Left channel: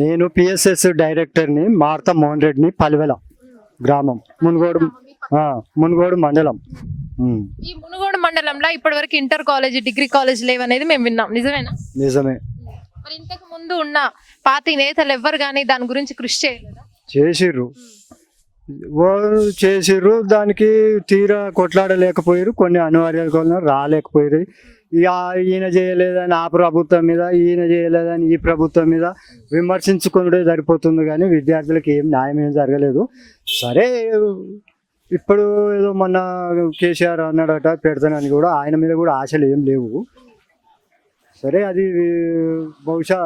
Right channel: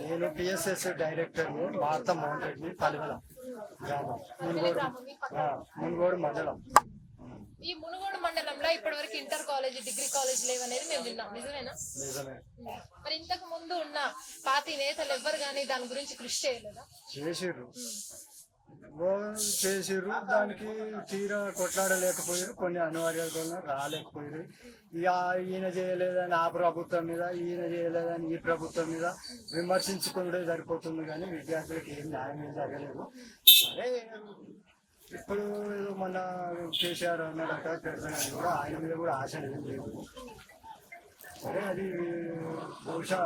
నేను పిఎస్ఎస్ డైరెక్టర్ని మార్తా మోహన్ రెడ్డిని పలివెల గ్రామం మునుగోడు మండలం. ఈ మునుగోడు మండలంలో ఇప్పటివరకు ఇంటర్ కాలేజ్, డిగ్రీ కాలేజ్ లేవనేది మేము విన్నాం, నిజమేనా? నిజమే. మరి ఇంతకు ముందు ఉన్న పార్టీ నేతలు ఎవ్వరు కానీ దాని గురించి కృషి చేయలేదా? చేసిర్రు దానికి తీరా కొట్లాడలేకపోయారు, కొన్ని అనివార్యాలు రాలేకపోయారు. ఇక ఈయన చేయలేదని ఆ ప్రభుత్వం మీద, ఈయన చేయలేదని ఈ ప్రభుత్వం మీద విమర్శించుకునే సరిపోతుంది, కానీ విద్యార్థులకు ఏం న్యాయం ఏం జరగలేదు. సరే ఇప్పుడు ఏదో మొన్న కేసీఆర్ అన్నాడట పెడతానని, కూడా ఆయన మీద కూడా ఆశలు ఏం లేవు. సరే అది బహుశా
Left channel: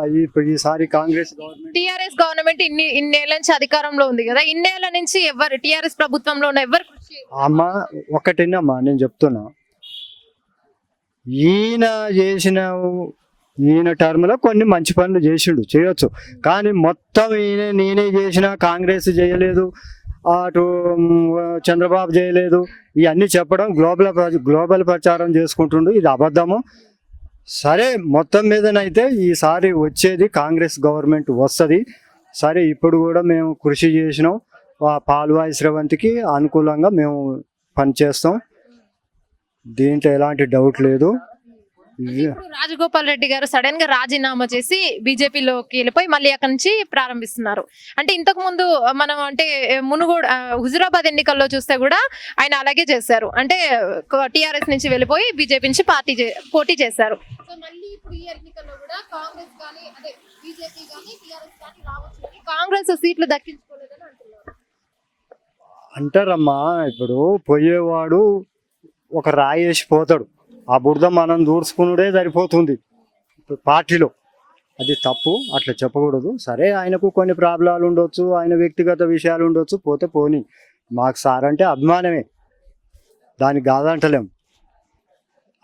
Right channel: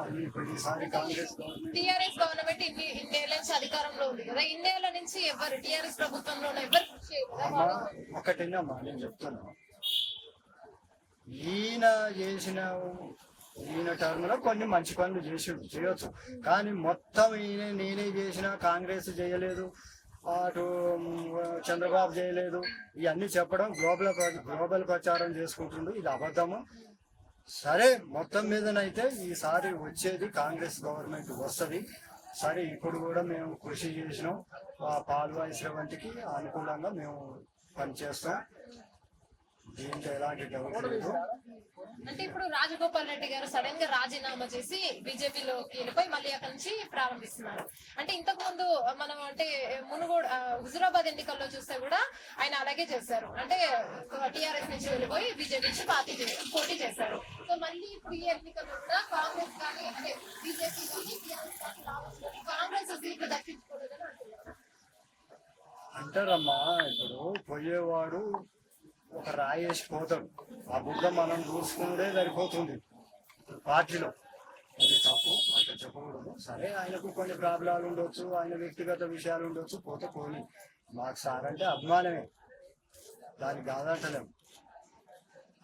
ఈసారి కాంగ్రెస్ టిఆర్ఎస్ గవర్నమెంట్ ఇన్నేళ్ల నుంచి అధికారంలో ఉంది కదా, ఇన్నేళ్ల నుంచి ఎవరు టిఆర్ఎస్ ప్రభుత్వంలో ఉన్న ఎవరు? అమ్మ ఒక్కటేనమ్మా నేను చెప్తున్నా, ఈయన టర్మ్ లో కొన్ని మంచి పనులు చేసిండు, చేయొచ్చు. కానీ మొత్తం నేనే చేసిన, కాంగ్రెస్ చేయలేదు, అటు చంద్రబాబు చేయలేదు, ఇవన్నీ చెప్పడం గ్లోబల్ ప్రచారం చేసుకుంటుండు. ఇది అబద్ధము. సరే మొత్తం మీదనైతే ఈసారి వచ్చేది కాంగ్రెస్ గవర్నమెంట్ వస్తుంది. సరే ఇప్పుడు కూడా మేము కృషి చేసినాం, పాల్వాయి స్రవంతికి అనుకూలంగా మేము పనిచేస్తాం, దీంట్లో ఎలాంటి డౌట్ లేదు. ఇప్పుడు రాజగోపాల్ రెడ్డి గారు సడన్ గా రాజీనామా చేసి బీజేపీలోకి వెళ్ళిపోయి మళ్ళీ అక్కడి నుంచి ప్రారంభిస్తున్నారు. అంటే ఇంతకు ముందు మనం అంటే మునుగోడు హుజురాబాద్ ఎన్నికల్లో చూస్తే కూడా ఆయన అలాగే చేశారు, అంటే టిఆర్ఎస్ నుంచి వెళ్ళిపోయి బీజేపీ నుంచి పోటీ చేశారు. సో మళ్ళీ ఇప్పుడు ఈ ఎన్నికల్లో కూడా కాంగ్రెస్ కానీ అంటే బీజేపీ కానీ టిఆర్ఎస్ కానీ రావచ్చు, కాంగ్రెస్ సీట్లు దక్కించుకోలేదని అంటున్నారు. అంటారమ్మా, ఇప్పుడు పోయేవాడు ఒక రాయి వేసి పోతాడు, ఆ బురద మనం దూర్చుకునుడే సరిపోతుంది పార్టీలో. అది తప్పు, అట్లా చెప్పకూడదు. సరే ఆయనకు కొన్ని ప్రాబ్లాలు ఉండొచ్చు, ఆయన వ్యక్తిగత విషయాలు ఉండొచ్చు, పోతే పోని. మాకు సార్ అంటే అభిమానమే, దానికి కాదంటలేం.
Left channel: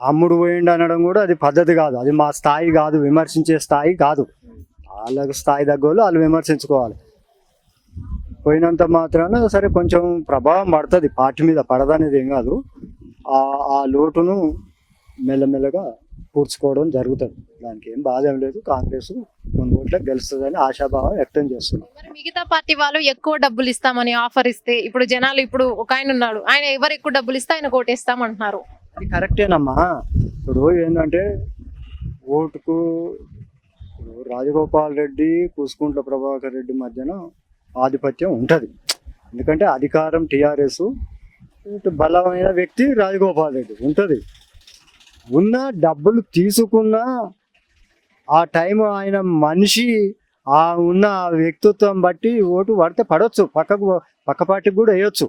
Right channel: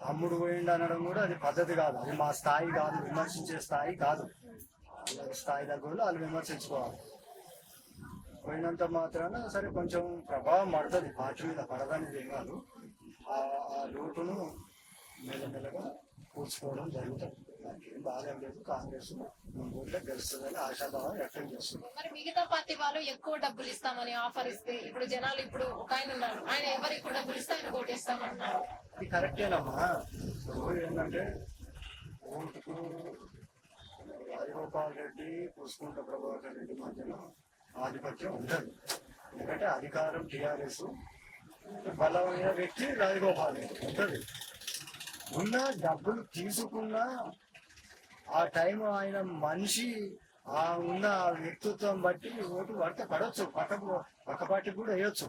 అమ్ముడు పోయిండు అనడం కూడా అది పద్ధతి కాదు, అది మా స్థాయి కాదు, విమర్శించే స్థాయి కాదు. వాళ్ళకు స్థాయి తగ్గోళ్ళు వాళ్ళు విమర్శించుకోవాలి. పోయినంత మాత్రాన సరే కొంచెం ప్రభావం పడుతుంది పార్టీ మీద, పడదనేది ఏం కాదు. ఆ లోటును మెల్లమెల్లగా పూడ్చుకోవడం జరుగుతుంది, దానికి ఏం బాధ ఏం లేదు. కాంగ్రెస్ కొన్ని ఓట్లకు గెలుస్తుందని ఆశాభావం వ్యక్తం చేస్తుంది. మరి మిగతా పార్టీ వాళ్ళు ఎక్కువ డబ్బులు ఇస్తామని ఆఫర్ ఇస్తే, ఇప్పుడు జనాలు ఇప్పుడు ఒక ఆయన ఉన్నాడు, ఆయన ఎవరు ఎక్కువ డబ్బులు ఇస్తే ఆయన ఓటేస్తాం అంటున్నారు. అది కరెక్టేనమ్మా. ఇప్పుడు ఏంటంటే ఓటుకు రాజగోపాల్ రెడ్డి, కూసుకుంట్ల ప్రభాకర్ రెడ్డి మధ్యన ఆధిపత్యం ఉంటుంది. ఎందుకంటే అధికారం టిఆర్ఎస్, బలమైన వ్యక్తి రాజగోపాల్ రెడ్డి ఉంటుంది. ఉన్న డబ్బులు తీసుకున్న ఆ టైం ఆయన మనిషి ఉన్న వ్యక్తిత్వం బట్టి ఓటు పడితే పడవచ్చు, పక్క పార్టీకి కూడా వేయొచ్చు.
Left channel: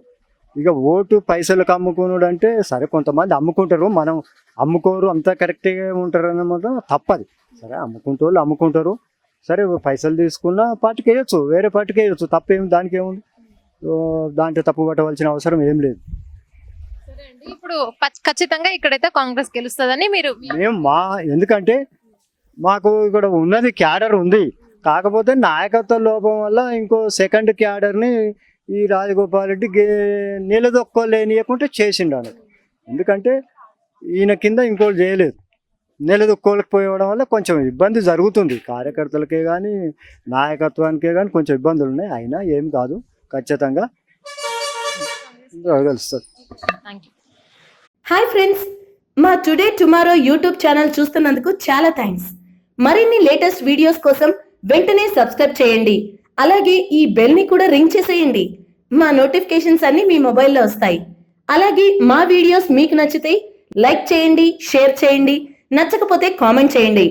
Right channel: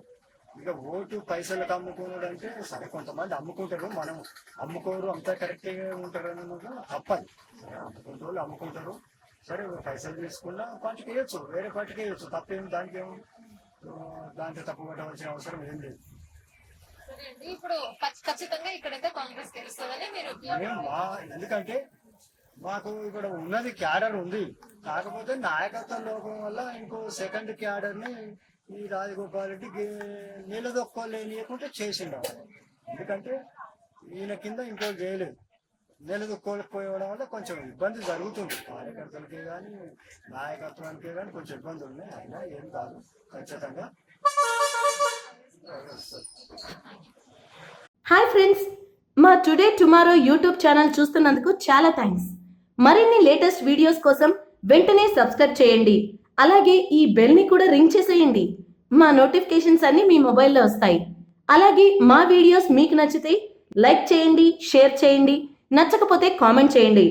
ఇక ఓటు పైసలకు అమ్ముకున్నాడు అంటే సరే కొంతమంది అమ్ముకుంటారు, మనం అమ్ముకోరు, అంతా కరెక్ట్గా ఉంటారు అన్నమాట, తప్పది. సరే అమ్ముకుంటారు, సరే పైసలు తీసుకున్న పార్టీకి వేయొచ్చు, వేరే పార్టీకి వేయొచ్చు, తప్పేమి, దానికి ఏముంది, దాంట్లో తప్పు పట్టవలసిన అవసరం ఏం లేదు. ఇప్పుడు ఖచ్చితంగా ఇక్కడైతే కాంగ్రెస్ గెలుస్తుందని మీరు ఎందుకంటే మాకు ఇక్కడ ఉన్నది క్యాడర్ ఉంది, కాకపోతే నాయకత్వ లోపం వల్ల ఇంకో సెకండ్ క్యాడర్ని ఈ రాజగోపాల్ రెడ్డి నిలదొక్కోలేనియకుంటే చేసిండాడు. ఎందుకంటే ఈయన కింద ఇంకోటి చేయలేదు, నిలదొక్కోలేకపోవడం వల్ల కొంచెం ఇబ్బంది జరుగుతుంది. కార్యకర్తలకే కానీ నాయకత్వానికే కానీ కొంచెం ఇబ్బందులు ఉన్నాయి. అయినా ఏం కాదు, ఖచ్చితంగా గెలుస్తుంది. హాయ్ ఫ్రెండ్స్, మా టుడే టుమారో యూట్యూబ్ ఛానల్ చూస్తున్నందుకు చాలా థ్యాంక్స్. మరిన్ని లేటెస్ట్ వీడియోస్ కోసం వెంటనే సబ్స్క్రైబ్ చేయండి, అలాగే ఈ బెల్ ని కూడా రింగ్ చేసేయండి. మా నోటిఫికేషన్స్ అన్ని మీ మొబైల్లో వస్తాయి. అలాగే మా వీడియోస్ మీకు నచ్చితే లైక్ చేయండి, షేర్ చేయండి, నచ్చకపోతే కామెంట్ చేయండి.